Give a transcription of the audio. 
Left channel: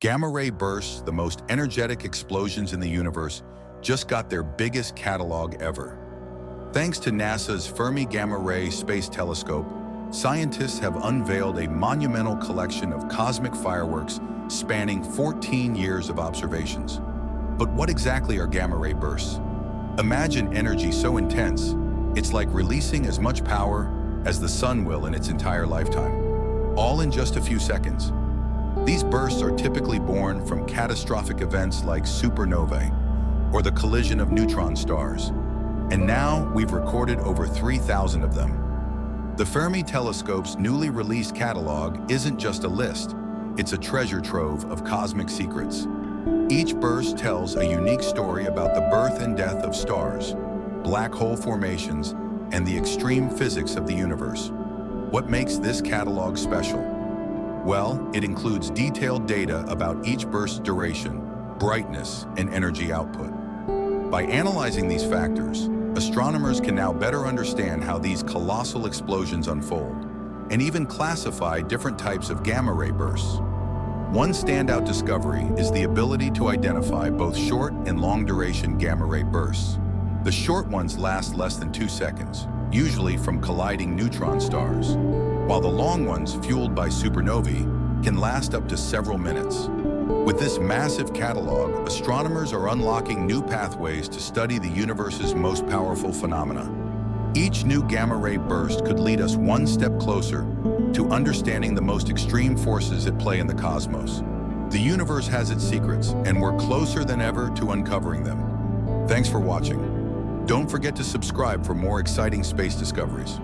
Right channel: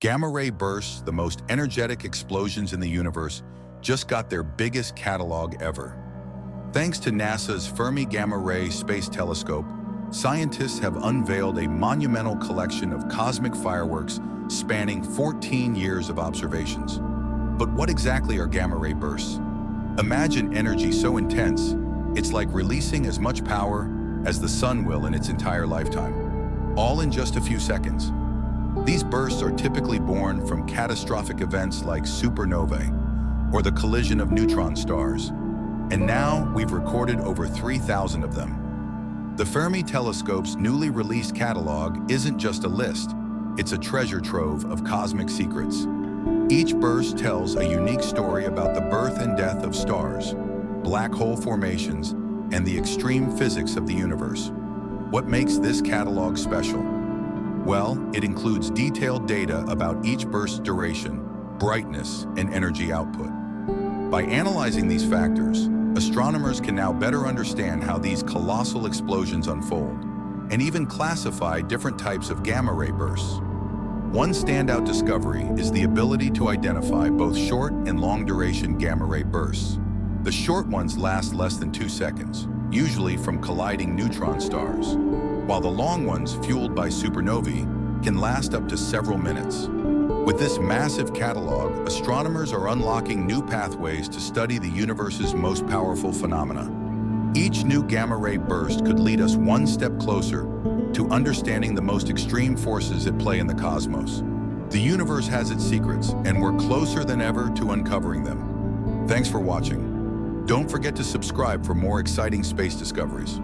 Gamma-ray bursts, the most energetic explosions in the universe, just got their biggest catalog ever. Thanks to NASA's Fermi Gamma-Ray Space Telescope, scientists have unveiled a monumental collection of cosmic fireworks spanning 14 years of observations. But what exactly are gamma-ray bursts? Imagine energy so intense, it's like releasing as much power as the sun will in its entire lifetime, all in just a few seconds. These bursts are typically born from catastrophic events like supernovae, or the collision of neutron stars. And now we've recorded over 3,000 of them. The Fermi telescope's newly released catalog isn't just a list, it's a treasure trove of cosmic secrets. Each burst tells a unique story about the birth and death of stars, black hole formations, and the extreme physics of the universe. What makes this catalog special? Well, it includes detailed data about each burst's duration, brightness, and energy output. By analyzing these factors, astronomers can now better understand how these colossal explosions unfold, and even classify different types of gamma-ray bursts. One standout discovery is the ability to identify both short and long-duration gamma-ray bursts. The short ones last less than 2 seconds, usually from colliding neutron stars, while the long ones, fueled by supernovae, can last up to several minutes. With this massive catalog, astronomers are unlocking new pathways to study the universe's most powerful phenomena. Each new gamma-ray burst could lead us one step closer to understanding the most extreme forces at play in the cosmos. The universe has its secrets, and we're closer than ever to uncovering them. Thanks for watching. Don't forget to subscribe for more exciting space discoveries.